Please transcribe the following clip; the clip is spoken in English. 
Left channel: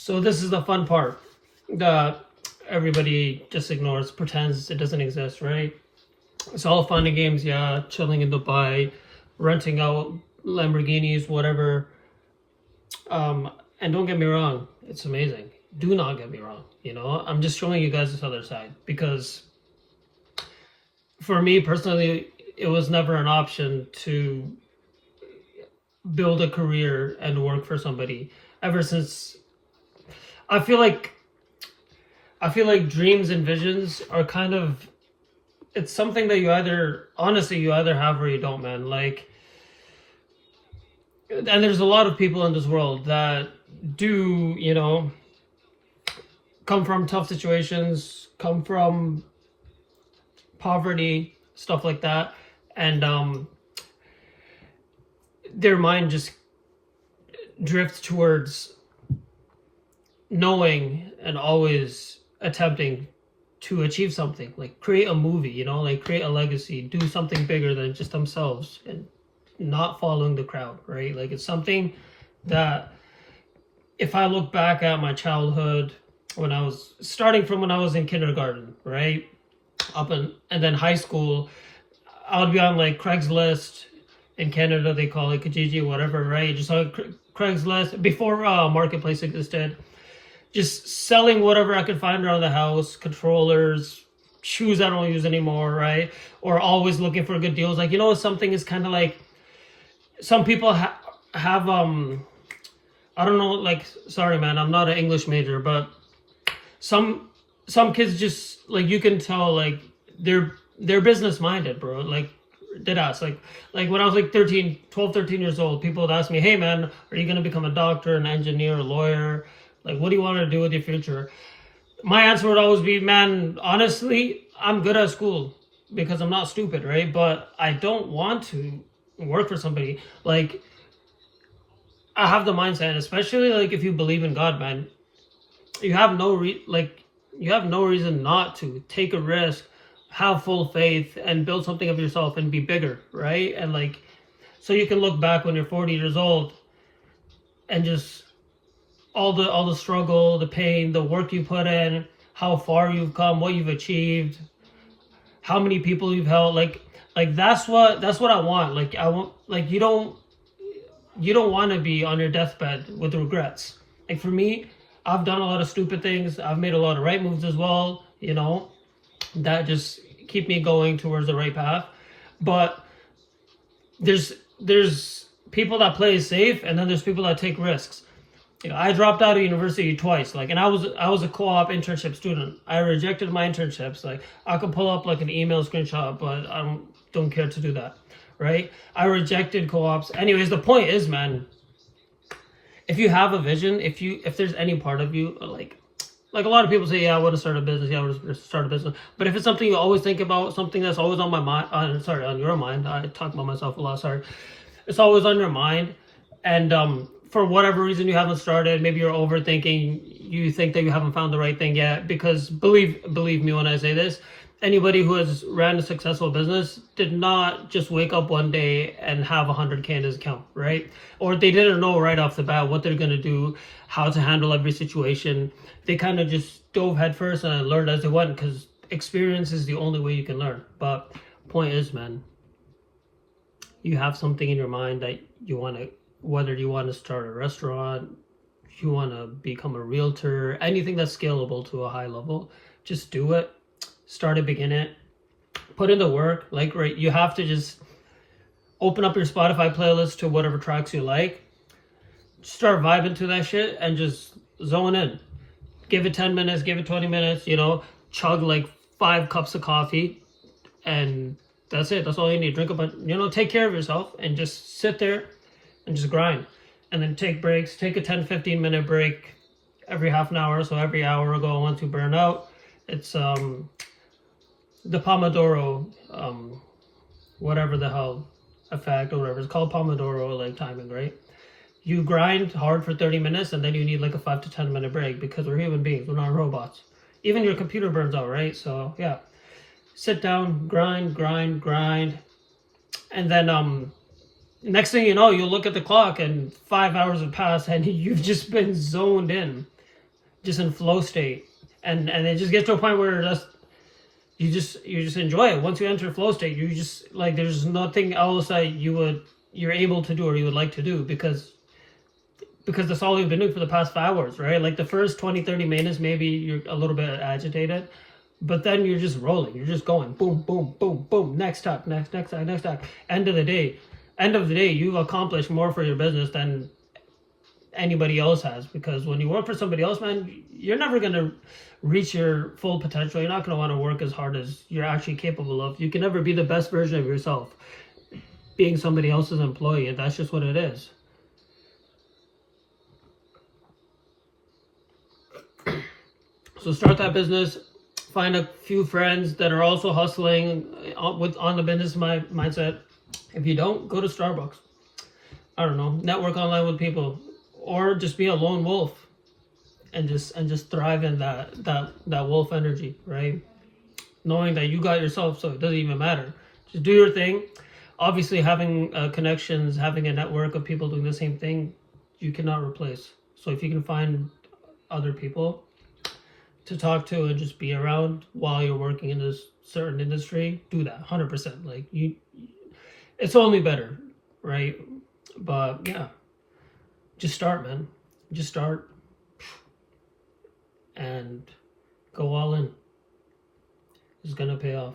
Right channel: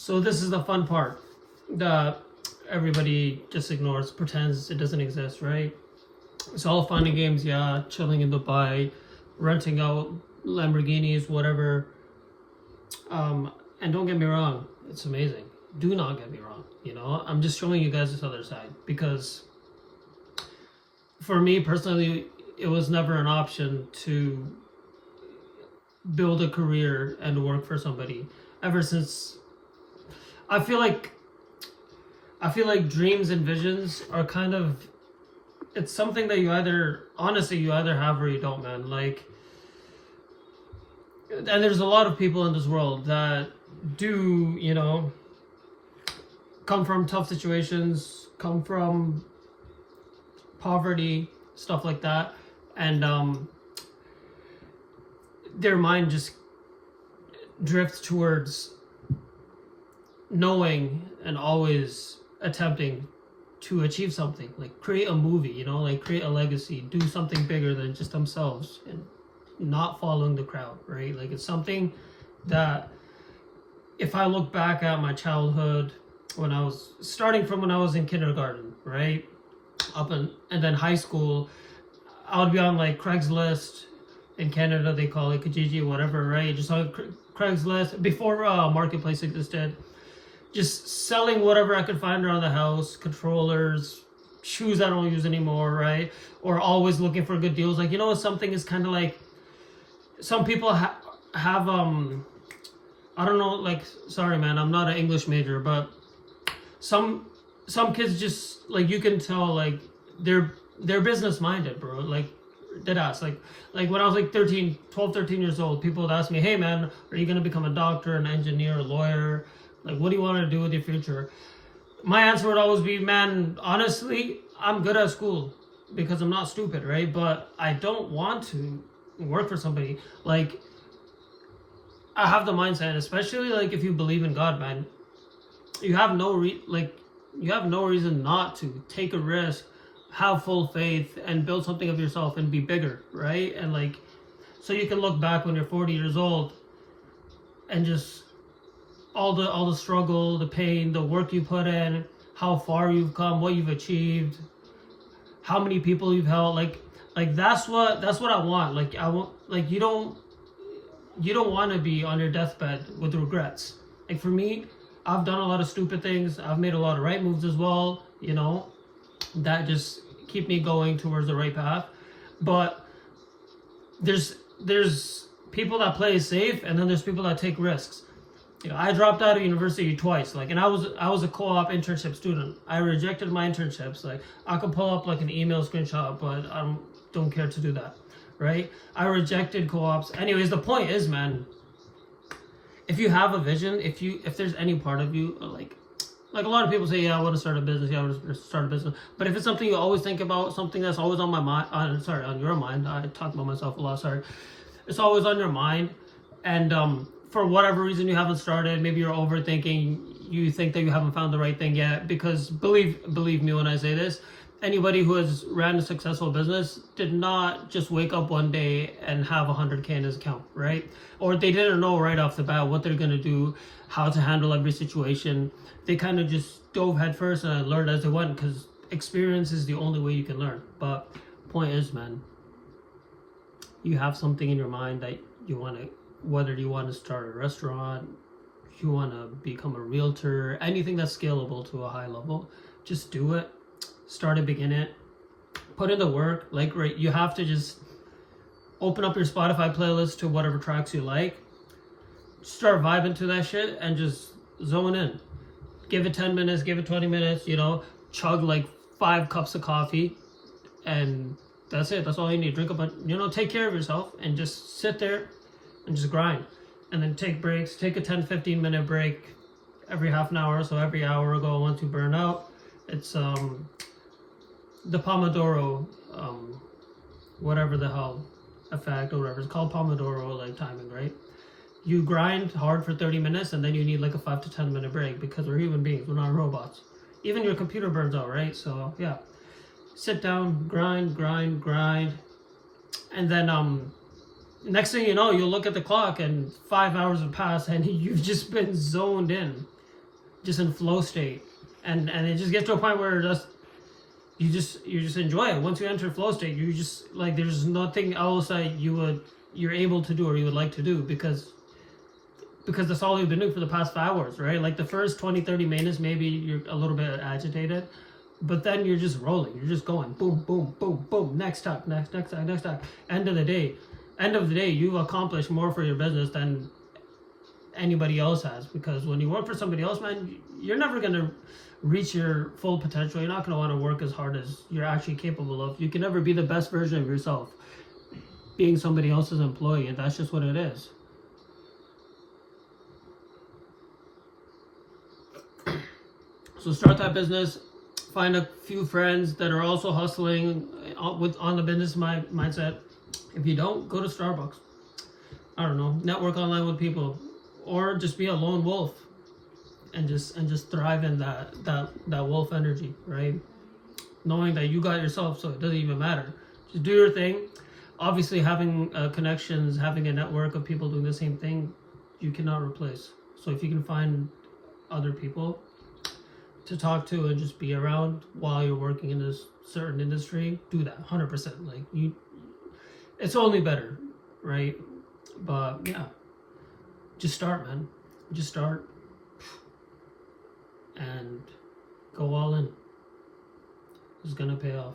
So this is the fun part that everybody just ignores, pretends it doesn't exist, right? It's all fun and games, yeah, chilling in Dubai, renting out Lamborghinis, whatever. And don't get me wrong, it's amazing. Do not get me wrong, I'm just showing you guys this other side because for me personally, it was never an option to build a career and work for somebody ever since. I feel like dreams and visions are kind of, it's something that you either have or you don't, man. Like, and there's a lot of people in this world that do, come from tough situations, come from poverty, stuff like that, and their mind just drifts towards knowing and always attempting to achieve something, like create a movie, like create a legacy, do something bigger than just themselves, and not following the crowd, right? Like, it's something that if I look back at my childhood, when I was in kindergarten, right, and then high school, I would be on like Craigslist. In Canada they call it Kijiji, whatever, right? Just on Craigslist before marketplace existed, just selling whatever I could find around the house, controllers, shoes I don't use anymore, right? Or always looking for good deals. Like, something is kind of like, some people have I don't know, like, sorry man, I'm not an English major, but some kids just, like, you can tell, like, they're business minded, bro. Like, deadass. Like when I was like 13 years old, people would ask me, hey man, are you going to become a doctor, an engineer, a lawyer? Like, what do you want to do with your future? My answer would always be, man, honestly, I'm good at school because I'm not stupid, right? But I don't want to work for somebody. Like, I have the mindset, especially like if you believe in God, man, you have no reason not to take a risk, have full faith, and build something of yourself and be bigger, right? And like, so you can look back when you're 40 years old and just all the struggle, the pain, the work you put in, how far you've come, what you've achieved, how many people you've helped. Like that's what I want. Like, I want, like, you don't want to be on your deathbed with regrets. Like, for me, I've done a lot of stupid things. I've made a lot of right moves as well, that just keep me going towards the right path. But there's people that play safe, and then there's people that take risks. I dropped out of university twice, like, and I was a co-op internship student. I rejected my internships. Like, I could pull up like an email screenshot, but I don't care to do that, right? I rejected co-ops. Anyways, the point is, man, if you have a vision, if there's any part of you, like a lot of people say, yeah, I want to start a business, but if it's something you always think about, something that's always on my mind, on your mind, I talk about myself a lot, sorry, it's always on your mind, and for whatever reason you haven't started, maybe you're overthinking, you think that you haven't found the right thing yet, because believe me when I say this, anybody who has ran a successful business did not just wake up one day and have 100K in his account, right? Or they didn't know right off the bat what they're going to do, how to handle every situation. They kind of just dove headfirst and learned as they went, because experience is the only way you can learn. But point is, man, you have something in your mind that you want to, whether you want to start a restaurant, you want to become a realtor, anything that's scalable to a high level, just do it. Start it, begin it, put in the work. Like, right, you have to just open up your Spotify playlist to whatever tracks you like, start vibing to that shit, and just zone in. Give it 10 minutes, give it 20 minutes, chug like 5 cups of coffee, and that's it. That's all you need. Drink a bunch, take care of yourself, and just sit there and just grind. And then take breaks, take a 10-15 minute break every half an hour. So every hour ago, I want to burn out. It's the Pomodoro, whatever the hell effect or whatever. It's called Pomodoro, like timing, right? You grind hard for 30 minutes and then you need like a 5 to 10 minute break, because we're human beings, we're not robots. Even your computer burns out, right? So yeah, sit down, grind. And then next thing you know, you'll look at the clock and 5 hours have passed and you've just been zoned in. just in flow state, and it just gets to a point where you just enjoy it. Once you enter flow state, you just like there's nothing else that you're able to do or you would like to do, because that's all you've been doing for the past 5 hours, right? Like the first 20-30 minutes, maybe you're a little bit agitated, but then you're just rolling. You're just going boom, boom, boom, boom. Next talk, next talk, next talk. End of the day, you've accomplished more for your business than anybody else has. Because when you work for somebody else, man, you're never gonna reach your full potential. You're not gonna want to work as hard as you're actually capable of. You can never be the best version of yourself being somebody else's employee, and that's just what it is. So start that business. Find a few friends that are also hustling on the business mindset. If you don't, go to Starbucks. I don't know, network online with people, or just be a lone wolf and just thrive in that wolf energy, right? Knowing that you got yourself, so it doesn't even matter. Just do your thing. Obviously, having connections, having a network of people doing the same thing, you cannot replace. So if you can find other people to talk to and just be around while you're working in this certain industry, do that 100%. Like it's only better, right? But yeah, just start, man. Just start and go all in. It's gonna pay off.